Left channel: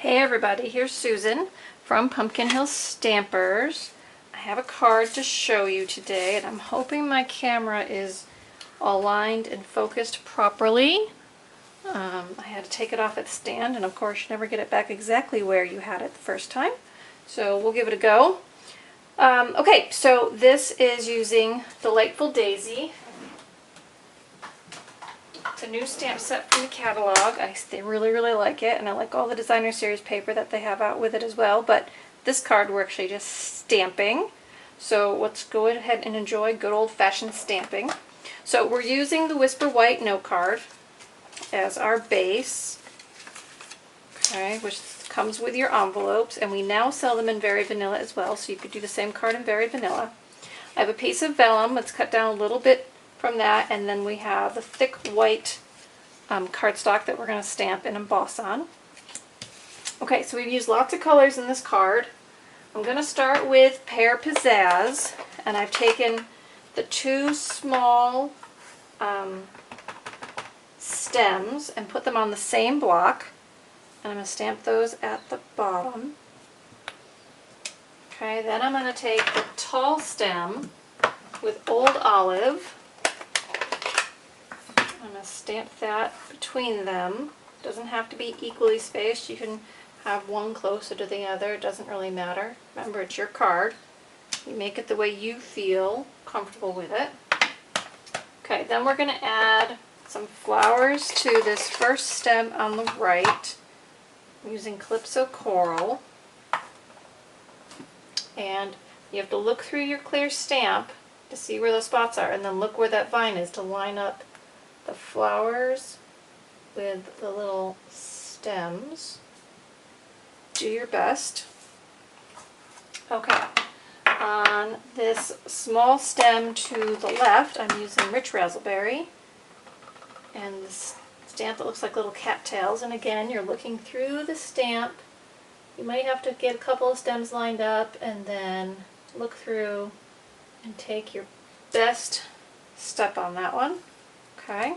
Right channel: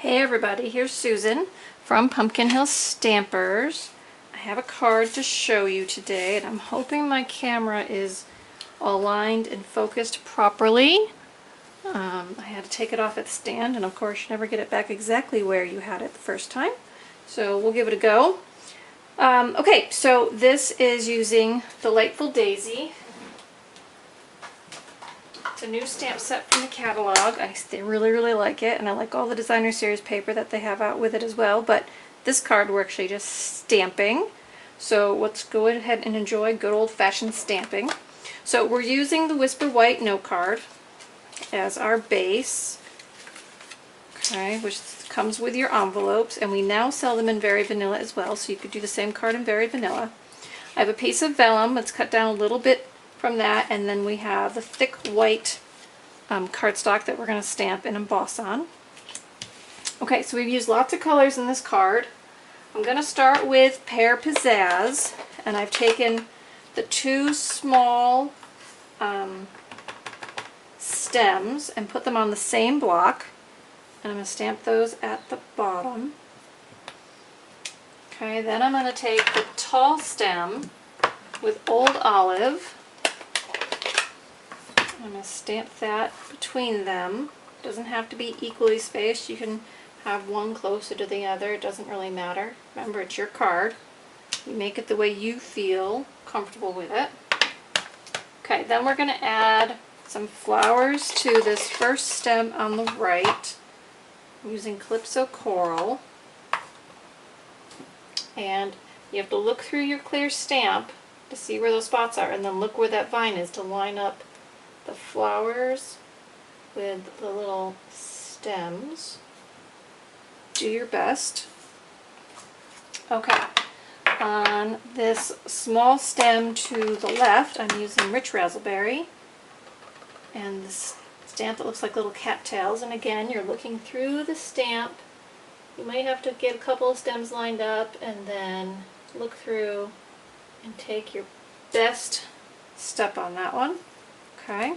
Hey everybody, here's Susan from Pumpkin Hill Stampers. I have a card to show you today, and I'm hoping my camera is aligned and focused properly. I had to take it off its stand, and of course you never get it back exactly where you had it the first time. So we'll give it a go. Okay, so this is using Delightful Daisy. It's a new stamp set from the catalog. I really like it, and I like all the designer series paper that they have out with it as well, but this card we're actually just stamping. So let's go ahead and enjoy good old-fashioned stamping. So we're using the Whisper White note card as our base, okay, which comes with your envelopes, and we now sell them in Very Vanilla as well, so you could do the same card in Very Vanilla. I have a piece of vellum. Let's cut down a little bit from that, and then we have a thick white cardstock that we're going to stamp and emboss on. Okay, so we've used lots of colors in this card. I'm going to start with Pear Pizzazz, and I've taken the two small stems and put them on the same block, and I'm going to stamp those at the bottom. Okay, then I'm going to take the tall stem with Old Olive. I'm going to stamp that between them. It doesn't have to be equally spaced. You can have one closer to the other. It doesn't really matter. Remember, it's your card. You make it the way you feel comfortable with it. Okay, then we're going to add some flowers to this first stem on the right. I'm using Calypso Coral. And you have to look through your clear stamp to see where those spots are, and then look where that vine is to line up the flowers with the little stems. Do your best. Okay, on this small stem to the left, I'm using Rich Razzleberry, and this stamp that looks like little cattails, and again, you're looking through the stamp. You might have to get a couple of stems lined up and then look through and take your best step on that one. Okay.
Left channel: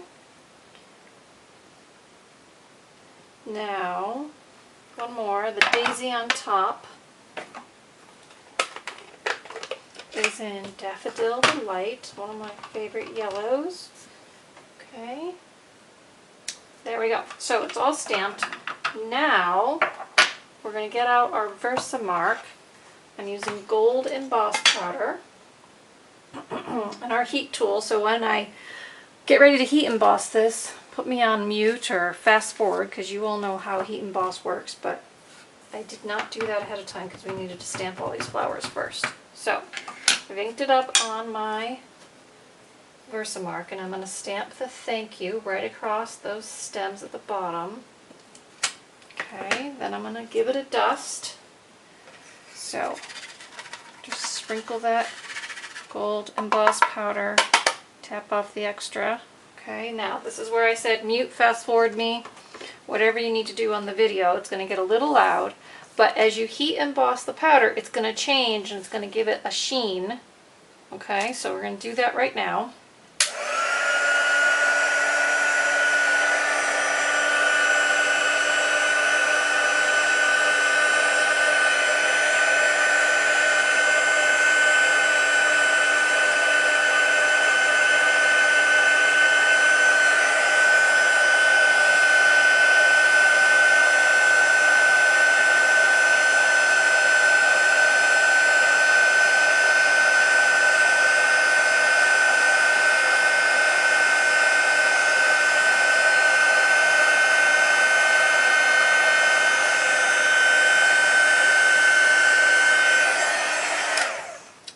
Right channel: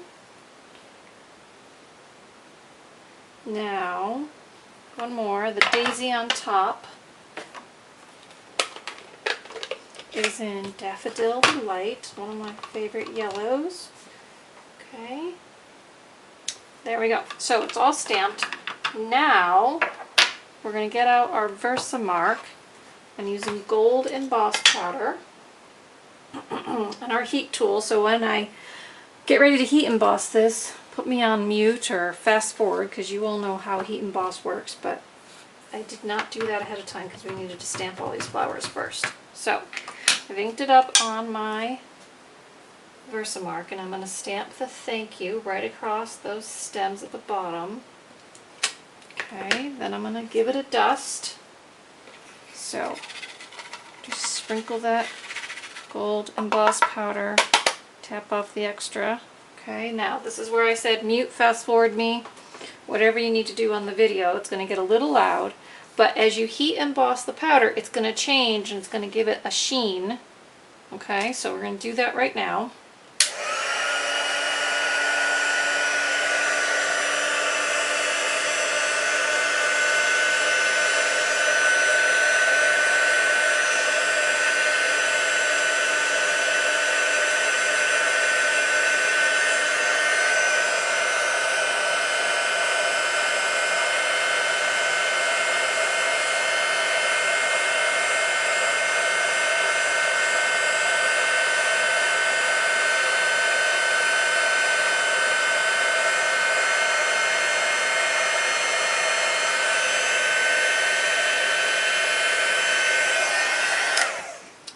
Now, one more. The daisy on top is in Daffodil Delight, one of my favorite yellows. Okay. There we go. So it's all stamped. Now, we're going to get out our Versamark. I'm using gold emboss powder and our heat tool, so when I get ready to heat emboss this, put me on mute or fast forward, because you all know how heat emboss works, but I did not do that ahead of time because we needed to stamp all these flowers first. So I've inked it up on my Versamark, and I'm going to stamp the thank you right across those stems at the bottom. Okay, then I'm going to give it a dust. So just sprinkle that gold emboss powder, tap off the extra. Okay, now this is where I said mute, fast forward me, whatever you need to do on the video. It's going to get a little loud, but as you heat emboss the powder, it's going to change and it's going to give it a sheen. Okay, so we're going to do that right now.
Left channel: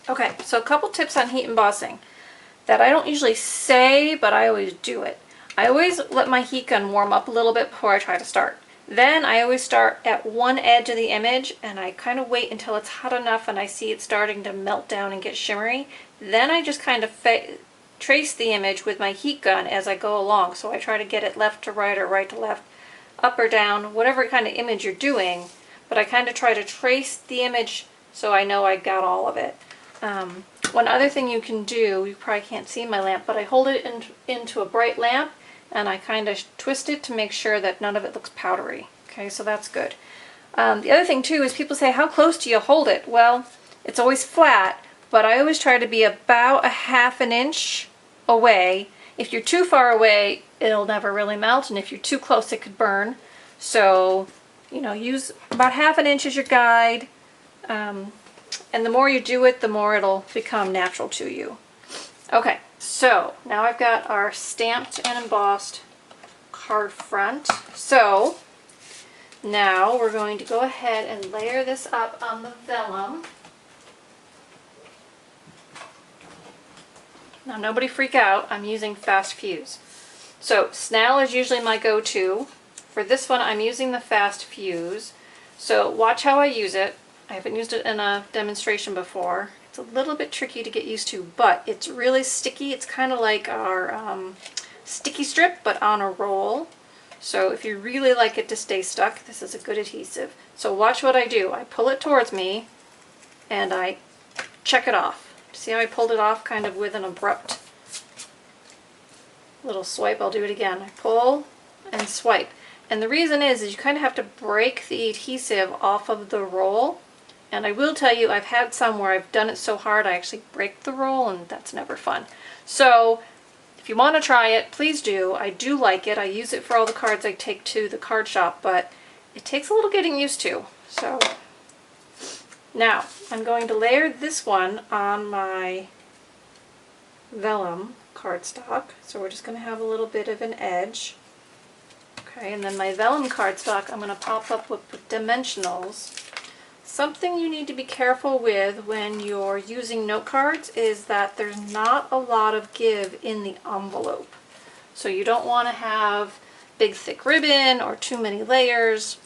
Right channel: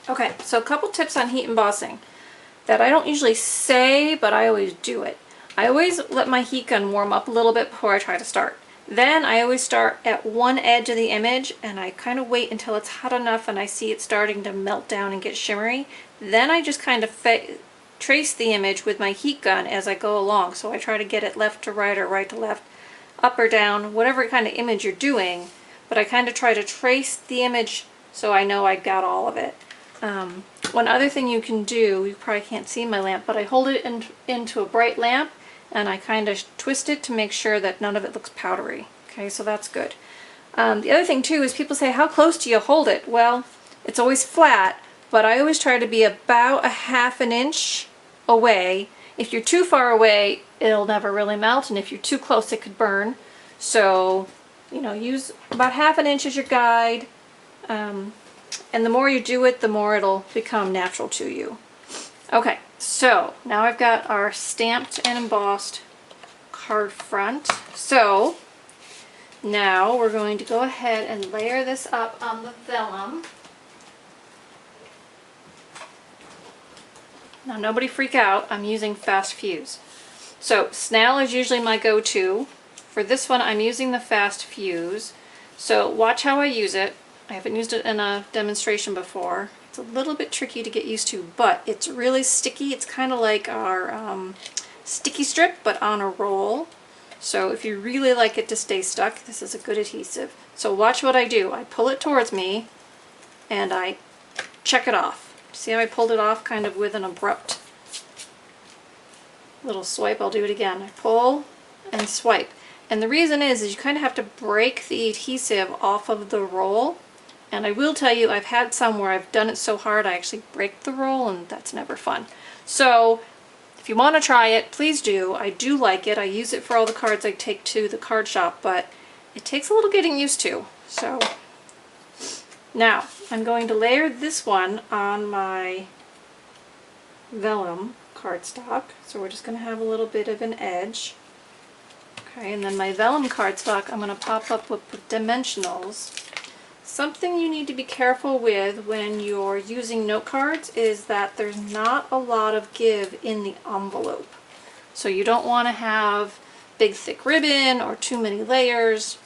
Okay, so a couple tips on heat embossing that I don't usually say, but I always do it. I always let my heat gun warm up a little bit before I try to start. Then I always start at one edge of the image, and I kind of wait until it's hot enough and I see it starting to melt down and get shimmery. Then I just kind of trace the image with my heat gun as I go along. So I try to get it left to right or right to left, up or down, whatever kind of image you're doing. But I kind of try to trace the image so I know I got all of it. One other thing you can do, you probably can't see my lamp, but I hold it into a bright lamp and I kind of twist it to make sure that none of it looks powdery. Okay, so that's good. The other thing too is people say, how close do you hold it? Well, it's always flat, but I always try to be about a ½ inch away. If you're too far away, it'll never really melt, and if you're too close, it could burn. So, you know, use about ½ inch as your guide, and the more you do it, the more it'll become natural to you. Okay, so now I've got our stamped and embossed card front. So now we're going to go ahead and layer this up on the vellum. Now nobody freak out, I'm using Fast Fuse. So snail is usually my go-to. For this one I'm using the Fast Fuse. So watch how I use it. I haven't used it in a demonstration before. It's a little bit tricky to get used to, but it's really sticky. It's kind of like our sticky strip, but on a roll. So if you really like it to stay stuck, this is a good adhesive. So watch what I do. I pull it towards me and I check it off. See how I pulled it off kind of with an abrupt little swipe? I'll do it again. I pull and swipe. And the reason is you kind of have to break the adhesive off of the roll. And I will tell you, I've had some where I've done it so hard I actually break the roll, and that's never fun. So if you want to try it, please do. I do like it. I use it for all the cards I take to the card shop, but it takes a little getting used to. So now I'm going to layer this one on my vellum cardstock. So we're just going to have a little bit of an edge. Okay, and then my vellum cardstock I'm going to pop up with dimensionals. Something you need to be careful with when you're using note cards is that there's not a lot of give in the envelope. So you don't want to have big thick ribbon or too many layers.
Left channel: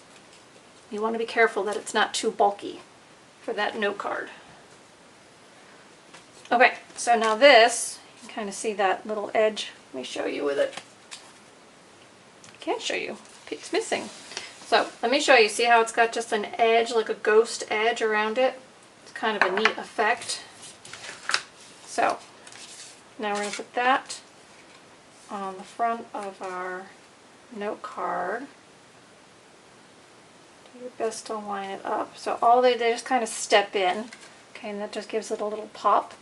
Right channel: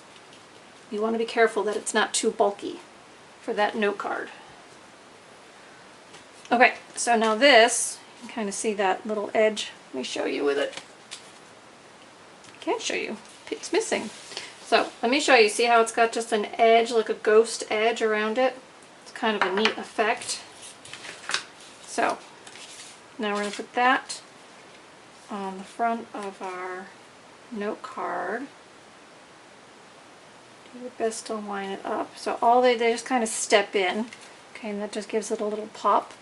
You want to be careful that it's not too bulky for that note card. Okay, so now this, you can kind of see that little edge. Let me show you with it. Can't show you. It's missing. So let me show you. See how it's got just an edge, like a ghost edge around it? It's kind of a neat effect. So now we're going to put that on the front of our note card. Do your best to line it up. So all they just kind of step in. Okay, and that just gives it a little pop.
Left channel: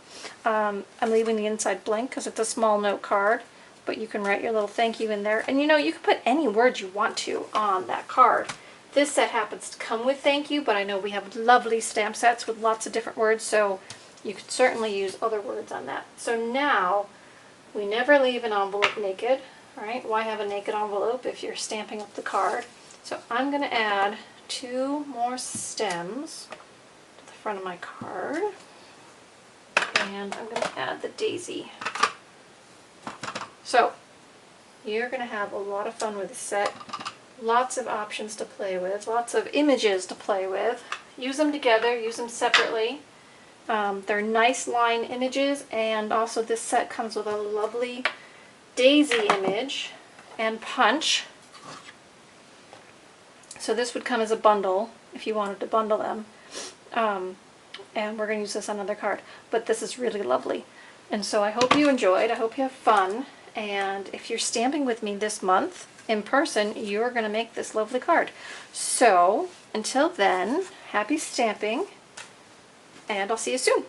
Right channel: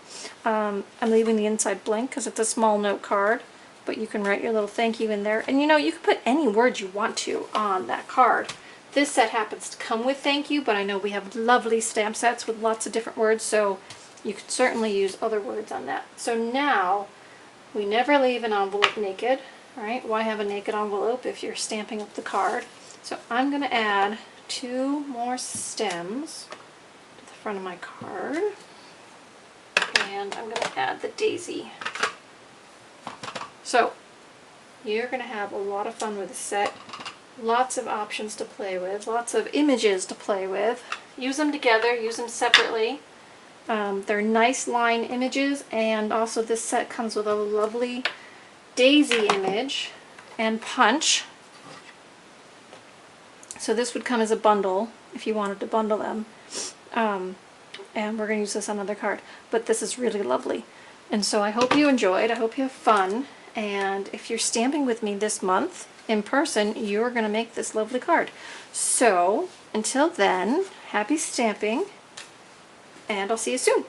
I'm leaving the inside blank because it's a small note card. But you can write your little thank you in there. And you know, you can put any words you want to on that card. This set happens to come with thank you, but I know we have lovely stamp sets with lots of different words, so you could certainly use other words on that. So now, we never leave an envelope naked, right? Why have a naked envelope if you're stamping up the card? So I'm going to add 2 more stems to the front of my card. And I'm going to add the daisy. So, you're going to have a lot of fun with this set. Lots of options to play with, lots of images to play with. Use them together, use them separately. They're nice line images, and also this set comes with a lovely daisy image and punch. So this would come as a bundle if you wanted to bundle them. And we're going to use this on another card. But this is really lovely. And so I hope you enjoyed. I hope you have fun. And if you're stamping with me this month in person, you're going to make this lovely card. So until then, happy stamping, and I'll see you soon.